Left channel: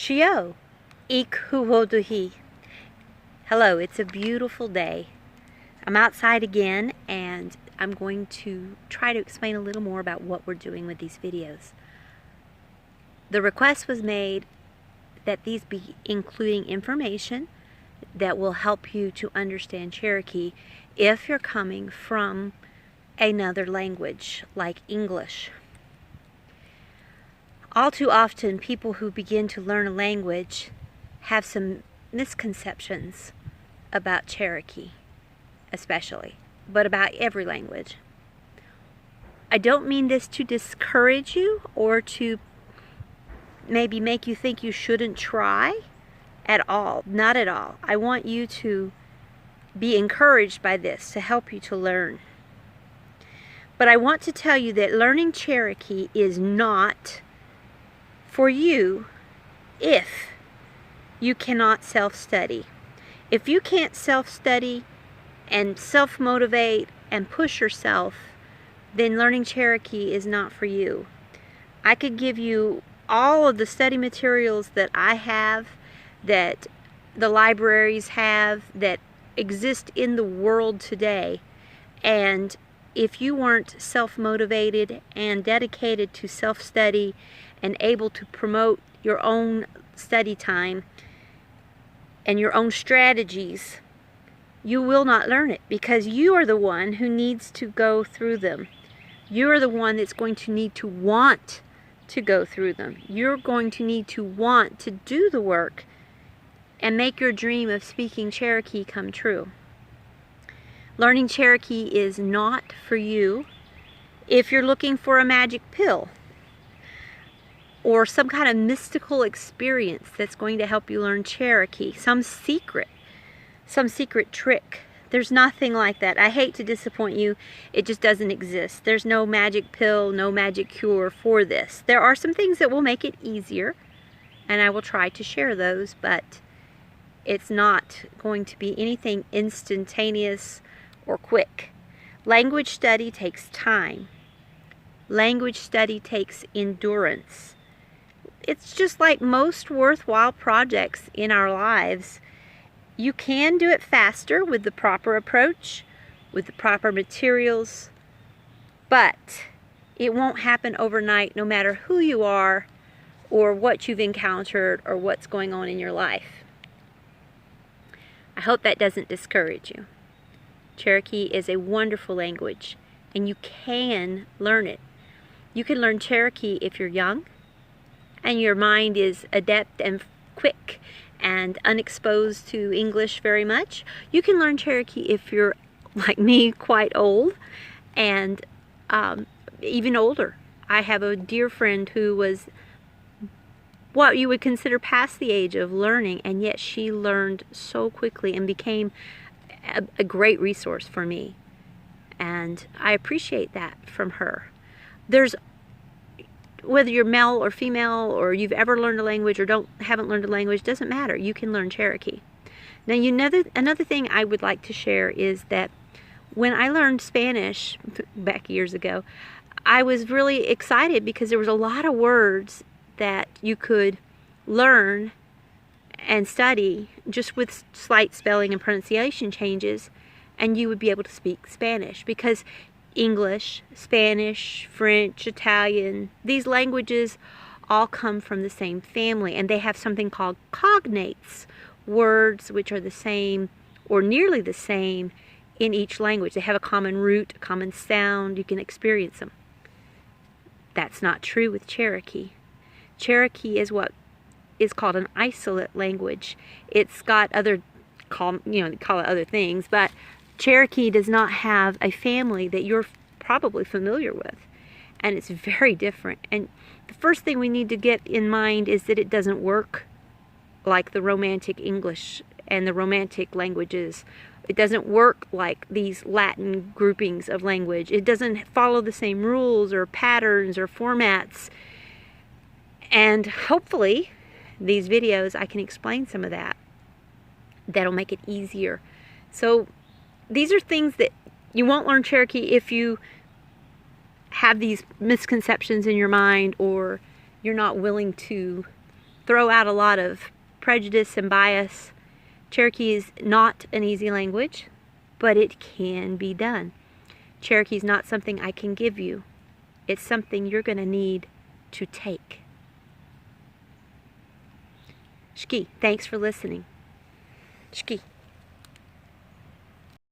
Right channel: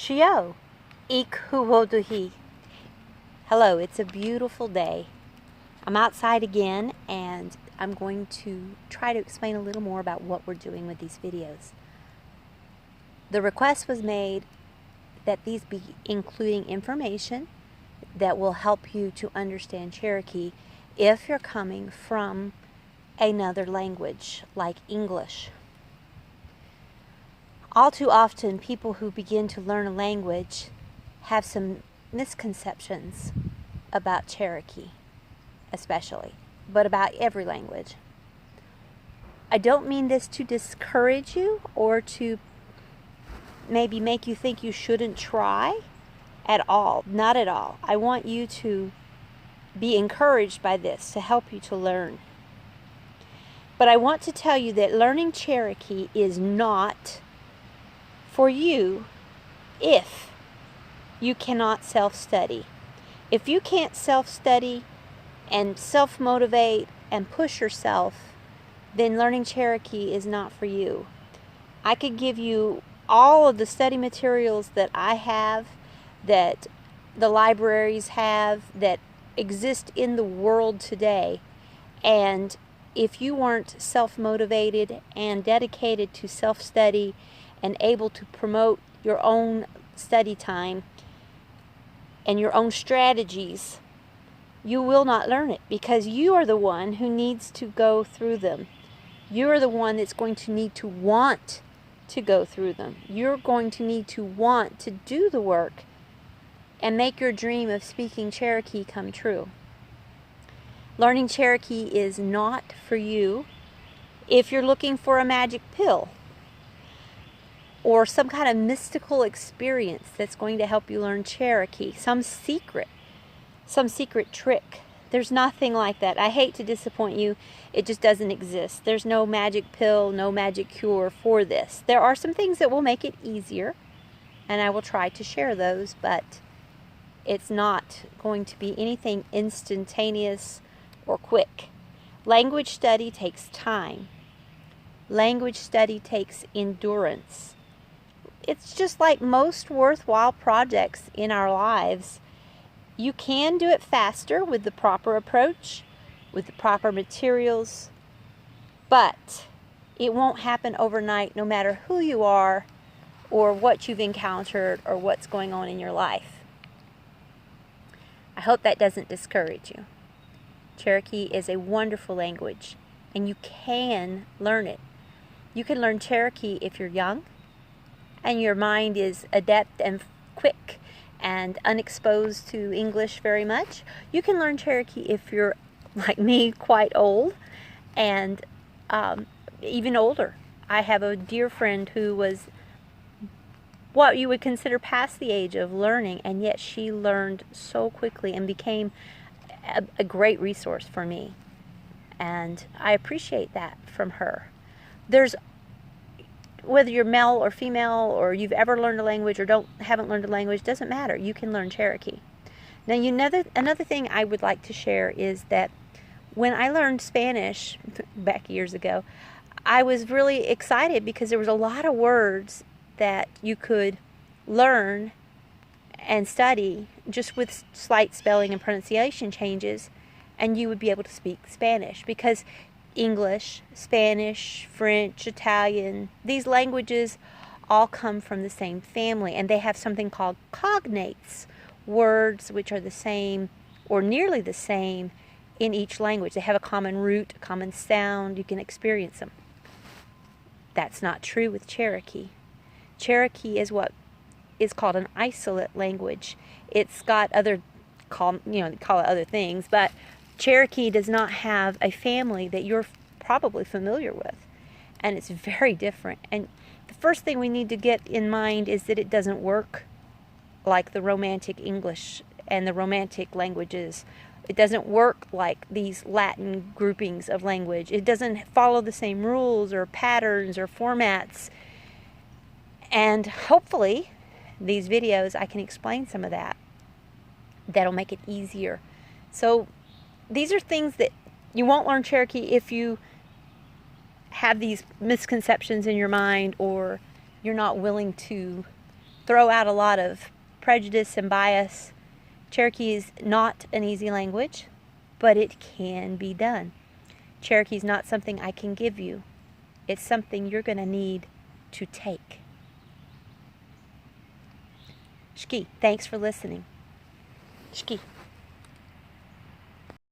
Shio, ik huwoduhi. Hello, it's a beautiful day. I'm outside again, and I'm going to try to explain a little more about what we're doing with these videos. The request was made that these be including information that will help you to understand Cherokee if you're coming from another language like English. All too often, people who begin to learn a language have some misconceptions about Cherokee, especially, but about every language. I don't mean this to discourage you or to maybe make you think you shouldn't try at all. Not at all. I want you to be encouraged by this to help you to learn. But I want to tell you that learning Cherokee is not for you if you cannot self-study. If you can't self-study and self-motivate and push yourself, then learning Cherokee is not for you. I could give you all of the study materials that I have, that the libraries have, that exist in the world today, and if you weren't self-motivated and dedicated to self-study and able to promote your own study time and your own strategies, you will not learn it, because you are the one who needs to go through them. You are the one that's going to need to want to go through them. You're going to need to want to do the work and make your dream of speaking Cherokee come true. Learning Cherokee is not for you if you're looking for a magic pill or some kind of mystical experience that's going to help you learn Cherokee, some secret trick. There's nothing like that. I hate to disappoint you. It just doesn't exist. There's no magic pill, no magic cure for this. There are some things that will make it easier, and I will try to share those, but it's not going to be anything instantaneous or quick. Language study takes time. Language study takes endurance. It's just like most worthwhile projects in our lives. You can do it faster with the proper approach, with the proper materials, but it won't happen overnight no matter who you are or what you've encountered or what's going on in your life. I hope that doesn't discourage you. Cherokee is a wonderful language, and you can learn it. You can learn Cherokee if you're young and your mind is adept and quick and unexposed to English very much. You can learn Cherokee if you're, like me, quite old and even older. I have a dear friend who was what you would consider past the age of learning, and yet she learned so quickly and became a great resource for me. And I appreciate that from her. Whether you're male or female, or you've ever learned a language or haven't learned a language, doesn't matter. You can learn Cherokee. Now, another thing I would like to share is that when I learned Spanish back years ago, I was really excited because there was a lot of words that you could learn and study just with slight spelling and pronunciation changes, and you would be able to speak Spanish, because English, Spanish, French, Italian, these languages all come from the same family, and they have something called cognates, words which are the same or nearly the same in each language. They have a common root, a common sound. You can experience them. That's not true with Cherokee. Cherokee is what is called an isolate language. It's got they call it other things, but Cherokee does not have a family that you're probably familiar with, and it's very different. And the first thing we need to get in mind is that it doesn't work like the Romantic English and the Romantic languages. It doesn't work like these Latin groupings of language. It doesn't follow the same rules or patterns or formats. And hopefully, these videos, I can explain some of that. That'll make it easier. So these are things that you won't learn Cherokee if you have these misconceptions in your mind, or you're not willing to throw out a lot of prejudice and bias. Cherokee is not an easy language, but it can be done. Cherokee is not something I can give you. It's something you're going to need to take. Shki, thanks for listening. Shki.